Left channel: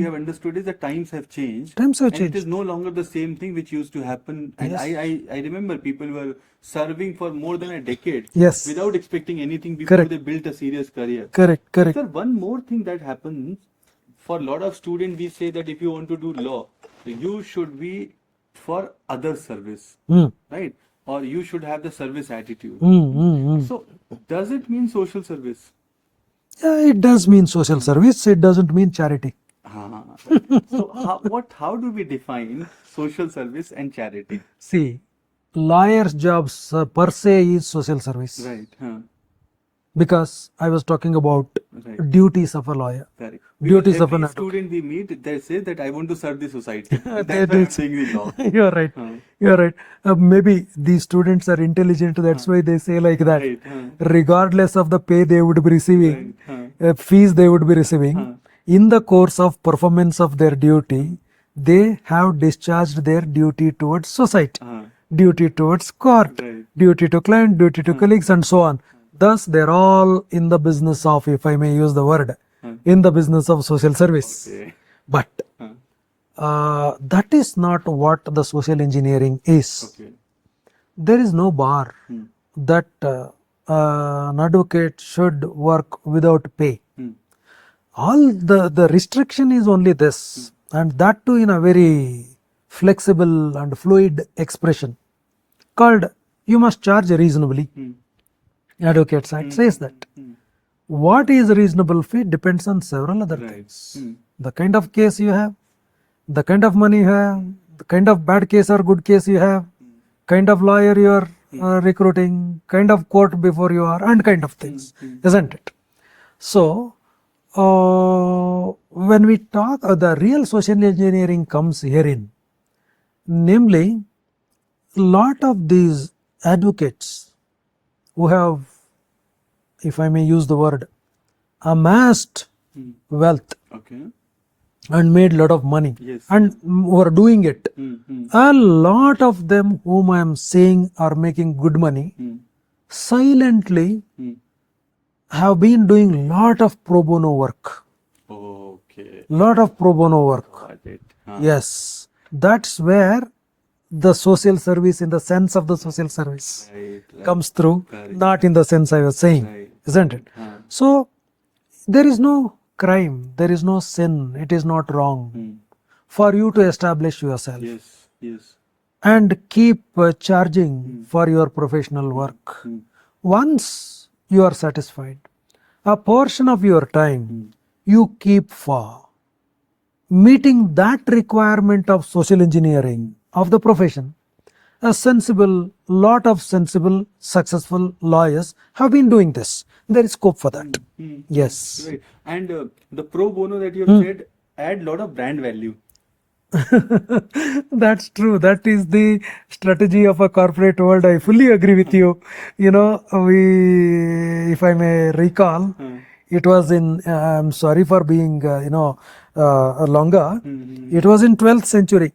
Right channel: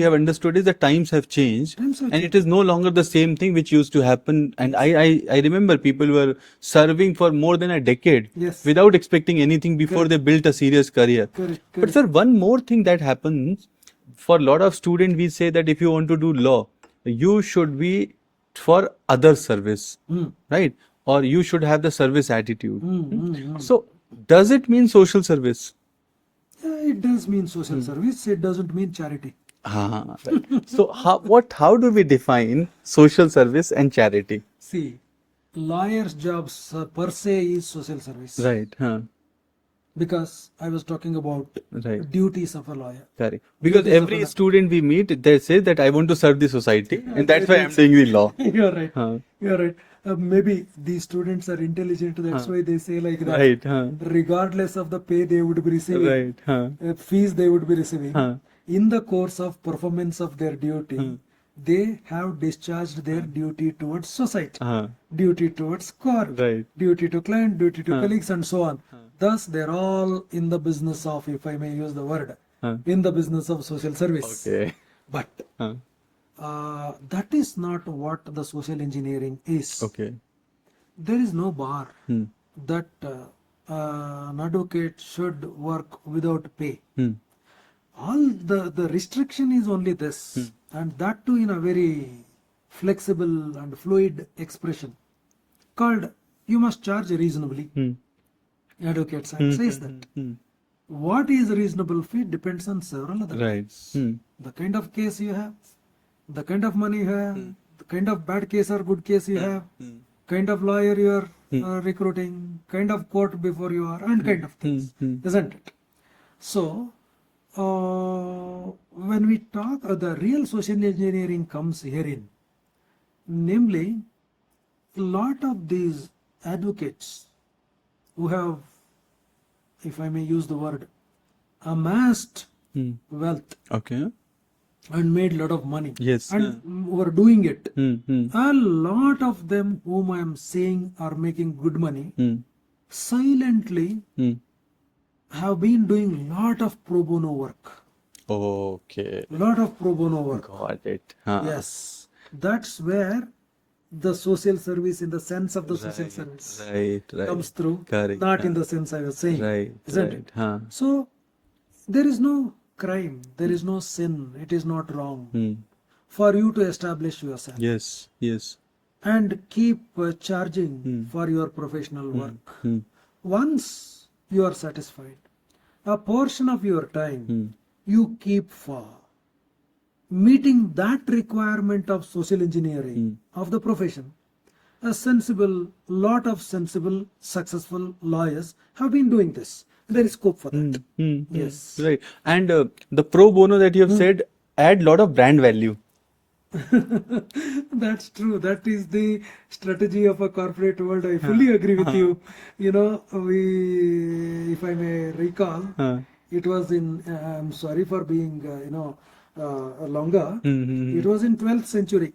we have understood is that times have changed. And it is no longer the same thing which used to happen. And I remember people were serving for more than a decade without expecting anything before they built a serious career. Correct. But sir, one more thing that happens, for a lot of students, we say that if you want to do law, you should be for other service, right? Or you should have the service attitude. So does it mean social service? Yeah, it does mean social service. It doesn't mean charity. So how do we define social service and charity? See, lawyer's jobs per se is social service. Right. Because I was talking about duties of a lawyer. Correct. Because every student we meet, they say that I want to serve the society. And that's why I'm saying the law. You're right. You're right. Maybe these students are intelligent. That's why they say like that. Right. Regardless of the pay they would be receiving, fees they would be receiving, in the course of performance of their duty, they have discharged their duty towards society, duty towards court, duty to client, duty to colleagues, and so on. Thus, they're all in the business of, if I may use the word, in the business of social service. But that is not what the social engineering is. There is no bar that an advocate should work without pay. All the restriction is only this, and that too in a very flexible and fluid expression called you must charge reasonably. Advocates Act says that. What is a reasonable fee depends on several other things. The kind of case you have, the kind of money you have, the kind of bad case or good case you have, kind of lawyer you are recruiting, kind of court before you are, and kind of things, isn't it? So, when we talk, the real social engineering comes herein. Namely, lot of these advocates who have, if I may use the word, amassed wealth and made a lot of money and were doing it. A lot of them whom I am saying are making good money silently have been doing lot of pro bono work. Lot of pro bono work. Got it. Yes. That's where the social service in the sense of the social service comes through, not in the sense I was saying, isn't it? So, there is no crime, there is no sin, it is not wrong for you to establish yourself and keep charging for your professional work. Once you are satisfied, a portion of your time you keep for meeting that requirement of social engineering of the profession. A lot of sensible, successful lawyers have been doing this. There is scope for that. Yes. Right. And the pro bono that you have said add lot of brand value. That's true. That is the strategy of a corporate world. I fully agree with you. You know, if I may recall, it was in, I'm sorry for being, longer. It was in 12th century.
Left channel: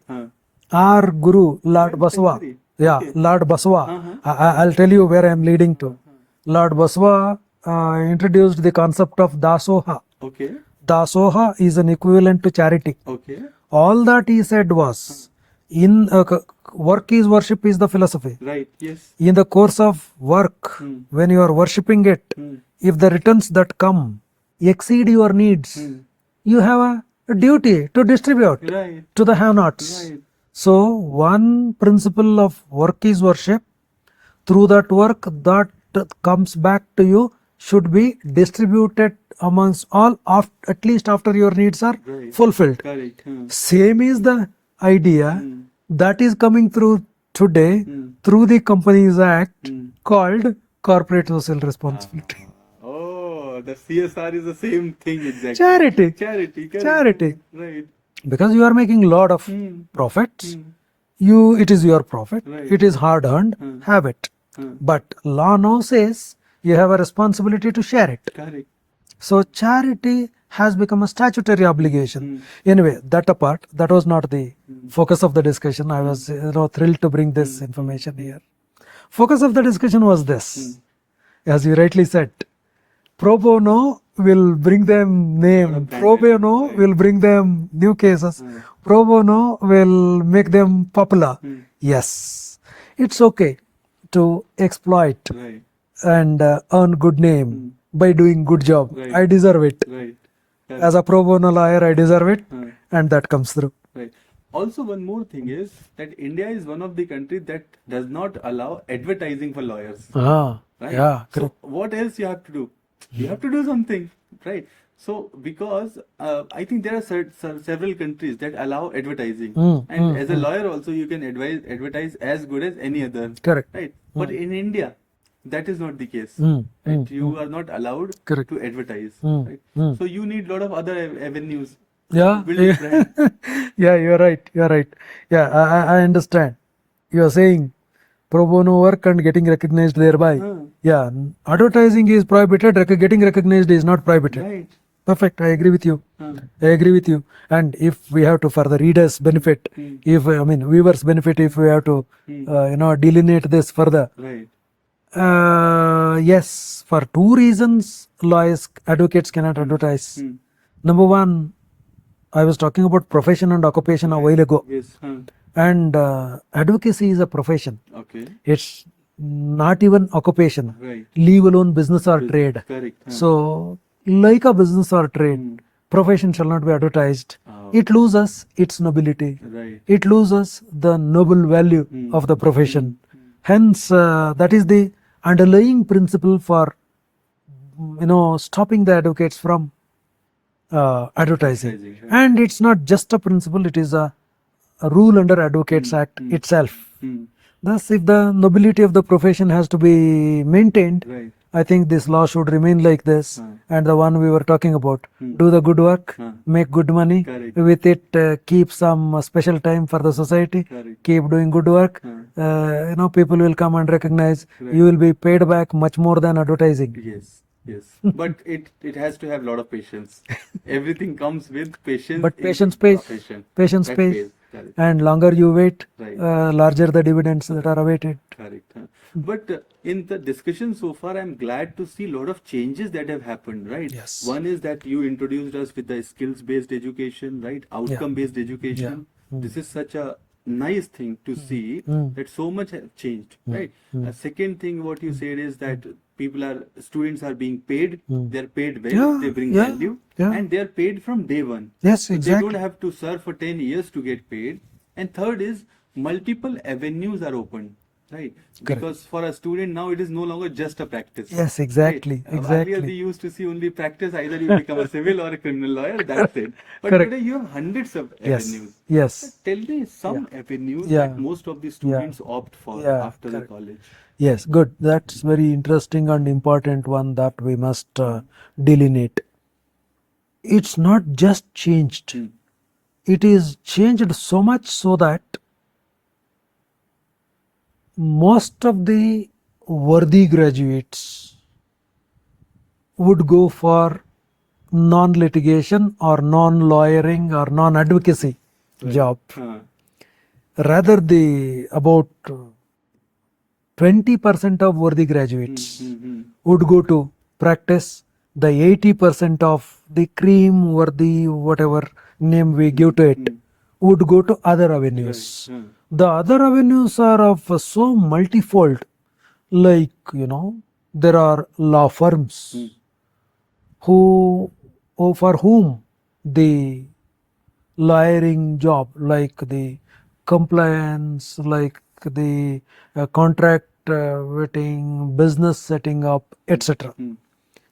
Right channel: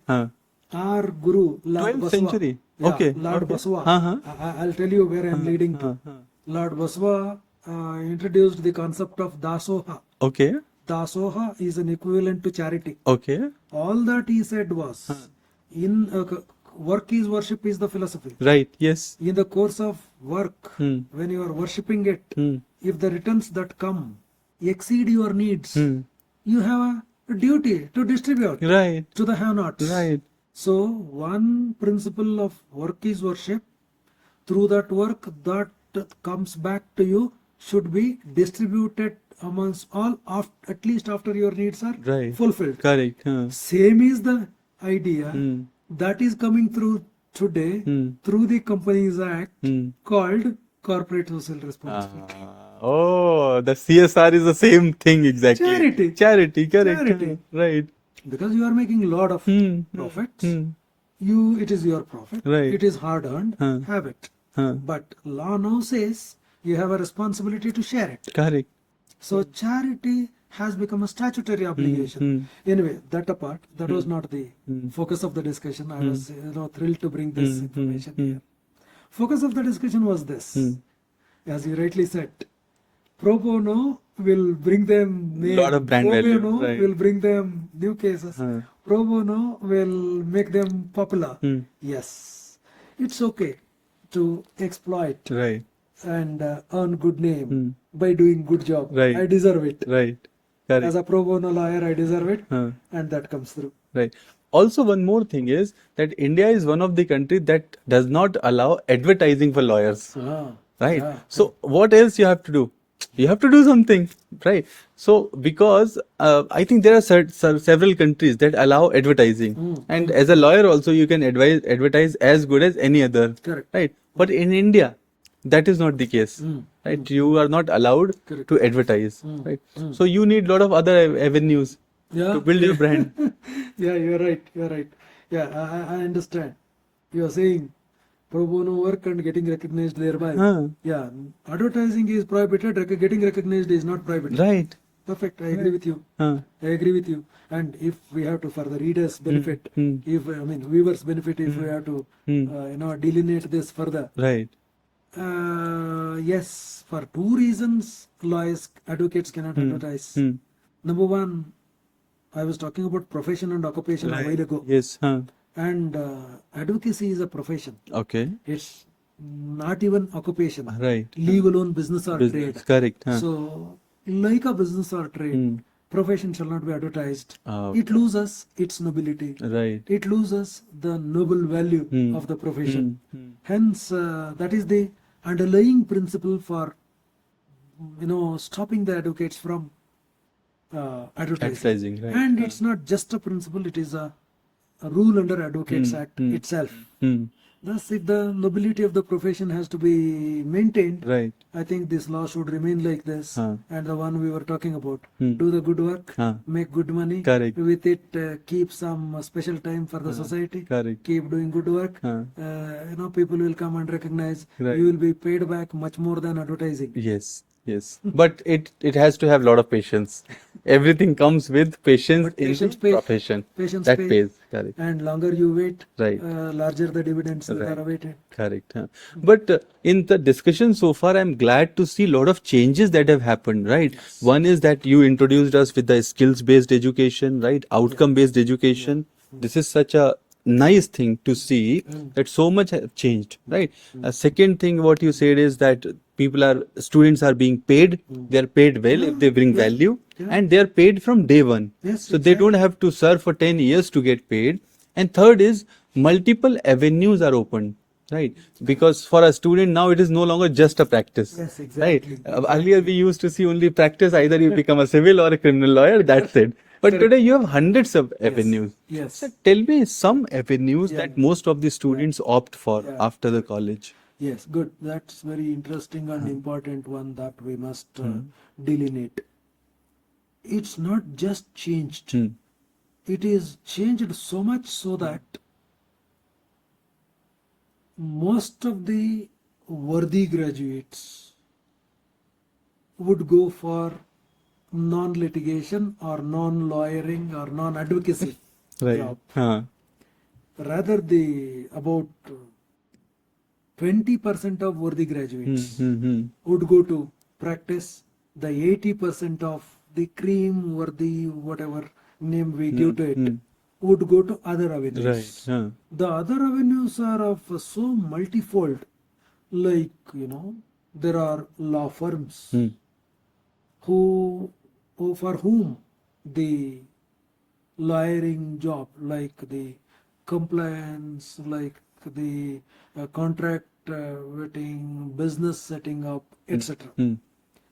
Our Guru, Lord Baswa. Lord Baswa. I'll tell you where I am leading to. Lord Baswa introduced the concept of Dasoha. Dasoha is an equivalent to charity. All that he said was, in work is worship is the philosophy. In the course of work, when you are worshipping it, if the returns that come exceed your needs, you have a duty to distribute to the have-nots. So, one principle of work is worship. Through that work that comes back to you should be distributed amongst all, at least after your needs are fulfilled. Same is the idea that is coming through today through the Companies Act called Corporate Social Responsibility. Oh, the CSR is the same thing exactly. Charity. Right. Because you are making a lot of profits. It is your profit. It is hard earned. Have it. But law now says you have a responsibility to share it. So charity has become a statutory obligation. Anyway, that apart, that was not the focus of the discussion. I was thrilled to bring this information here. Focus of the discussion was this. As you rightly said, pro bono will bring them Lot name. of brand Pro value, bono right. will bring them new cases. Pro bono will make them popular. Yes, it's okay to exploit Right. and earn good name by doing good job. Right. I deserve it. Right. Correct. As a pro bono lawyer, I deserve it, Huh. and that comes through. Right. Also, one more thing is that India is one of the countries that does not allow advertising for lawyers. Ah, Right. yeah. So what else you have to do? You have to do something, right? So because I think there are several countries that allow advertising, and as a lawyer also you can advertise as good as any other. Correct. Right. But in India, that is not the case. Right. You are not allowed Correct. to advertise. Right. So you need a lot of other avenues Yeah. to build your brand. Yeah, you're right. You're right. Yeah, I understand. You're saying pro bono work and getting recognized thereby. Yeah, advertising is prohibited. Getting recognized is not prohibited. Right. Perfect. I agree with you. I agree with you. And if we have to, for the readers' benefit, if viewers' benefit, if we have to, delineate this further. Right. Yes, for two reasons, advocates cannot advertise. Number one, I was talking about profession and occupation a while ago. Yes. And advocacy is a profession. Okay. It's not even occupation. Right. Leave alone business or trade. Correct. So, like a business or trade, profession shall not be advertised. It loses its nobility. Right. It loses the noble value of the profession. Hence, that is the underlying principle for stopping the advocates from advertising. Right. And it's not just a principle; it is a rule under Advocates Act itself. Thus, if the nobility of the profession has to be maintained, Right. I think this law should remain like this. And the one we were talking about, do the good work, make good money. Correct. With it, keep some special time for the society. Correct. Keep doing good work. People will come and recognize. You will be paid back much more than advertising. Yes. Yes. But it has to have a lot of patience. Everything comes with patience. But in patience the pays. profession. Patience That pays. pays. Correct. And longer you wait, Right. larger the dividends that are awaited. Correct. But in the discussion so far, I'm glad to see a lot of changes that have happened, right? Yes. One is that you introduced us with the skills-based education, right? Outcome-based education. This is such a nice thing to see that so much has changed, right? Second thing, what you said is that students are being paid. They're paid well if they bring value, and they're paid from day one. Yes, So they don't have to serve for 10 years to get paid. And third is multiple avenues are opened, right? Because for a student now it is no longer just a practice. Yes, exactly. Right? Earlier we used to see only practice, either you become a civil or a criminal lawyer, that's it. But today you have hundreds of avenues. Yes. Tell me some avenues that most of the students opt for after the college. Yes, good. That's very interesting and important one that we must delineate. It's not just changed. It is changed so much so that most of the worthy graduates would go for non-litigation or non-lawyering or non-advocacy job. Rather, about 20% of worthy graduates would go to practice. The 80% of the cream worthy, whatever name we give to it, would go to other avenues. Right. The other avenues are of so multifold, like, there are law firms for whom the lawyering job, like the compliance, like the contract vetting, business setting up, etc.,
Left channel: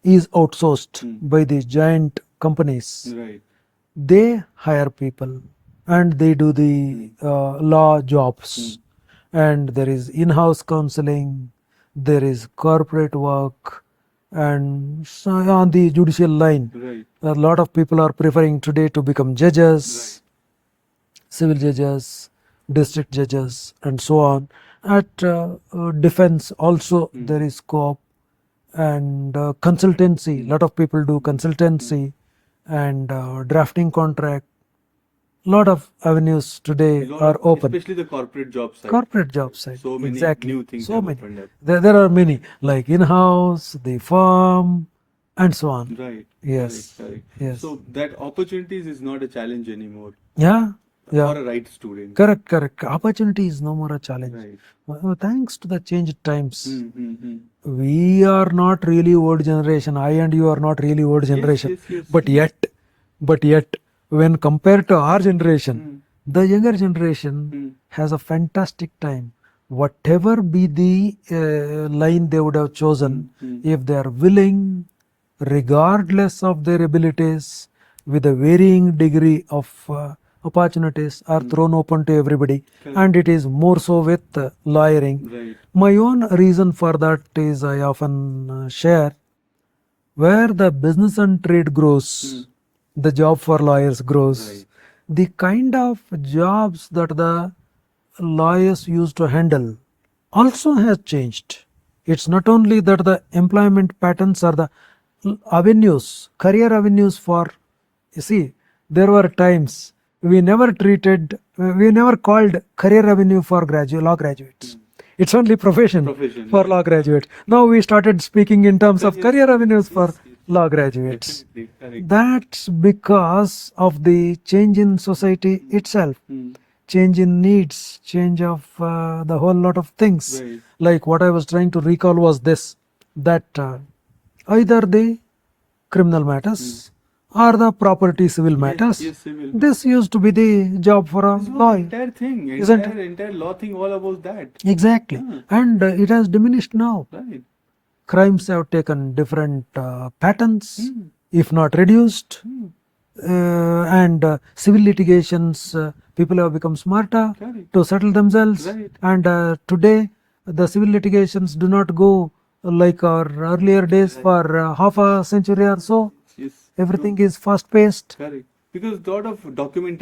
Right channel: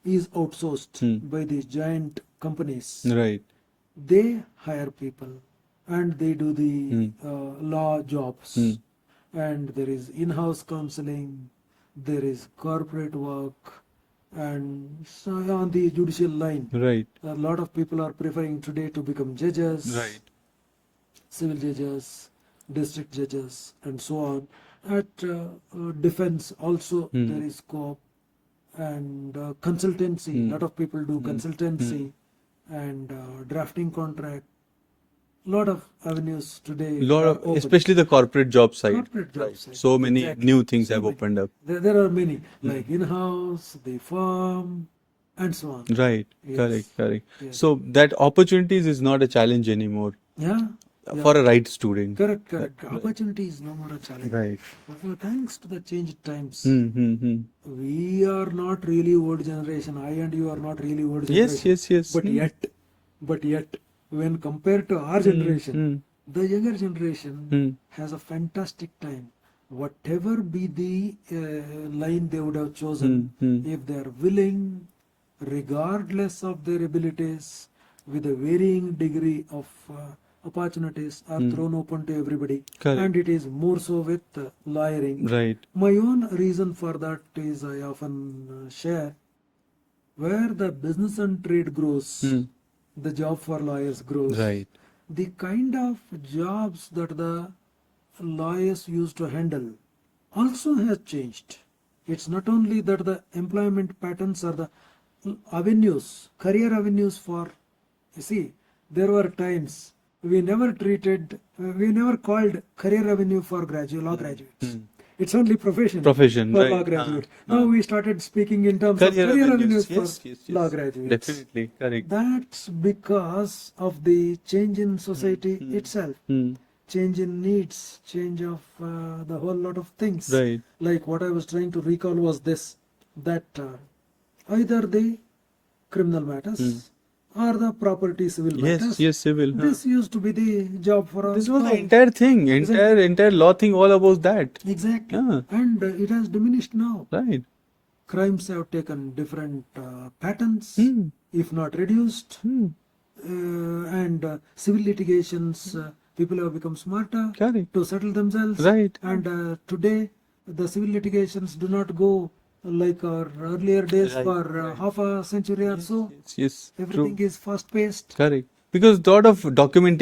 is outsourced by these giant companies. Right. They hire people and they do the law jobs. And there is in-house counseling, there is corporate work, and so on the judicial line. Right. A lot of people are preferring today to become judges, civil judges, district judges, and so on. At defense also there is scope, and consultancy. A lot of people do consultancy and drafting contract. Lot of avenues today are open. Especially the corporate job side. Corporate job side. So many Exactly. new things So have many. opened up. There are many, like in-house, the firm, and so on. Right. Yes. Correct. Yes. So that opportunities is not a challenge anymore Yeah. Yeah. for a right student. Correct. Opportunity is no more a challenge. Right. Thanks to the changed times. Hmm. We are not really old generation. I and you are not really old generation. Yes. But yet, when compared to our generation, Hmm. the younger generation has a fantastic time. Whatever be the line they would have chosen, if they are willing, regardless of their abilities, with a varying degree of opportunities are thrown open to everybody. Correct. And it is more so with lawyering. Right. My own reason for that is I often share, where the business and trade grows, the job for lawyers grows. Right. The kind of jobs that the lawyers used to handle also has changed. It's not only that the employment patterns are the avenues, career avenues for, you see, there were times we never called career avenue for law graduates. It's only profession for right. law graduates. Now we started speaking in terms of career avenues for law graduates. Definitely. Correct. That's because of the change in society itself, change in needs, change of the whole lot of things. Right. Like what I was trying to recall was this, that either the criminal matters or the property civil matters. Yes, civil. This used to be the job for a This was the lawyer. entire thing, Isn't it? entire law thing, all about that. Exactly. Yeah. And it has diminished now. Right. Crimes have taken different patterns, if not reduced. And civil litigations, people have become smarter Correct. to settle themselves. Right. And today, the civil litigations do not go like our earlier days for half a century or so. Yes. Everything is fast paced. Correct. Because lot of documentation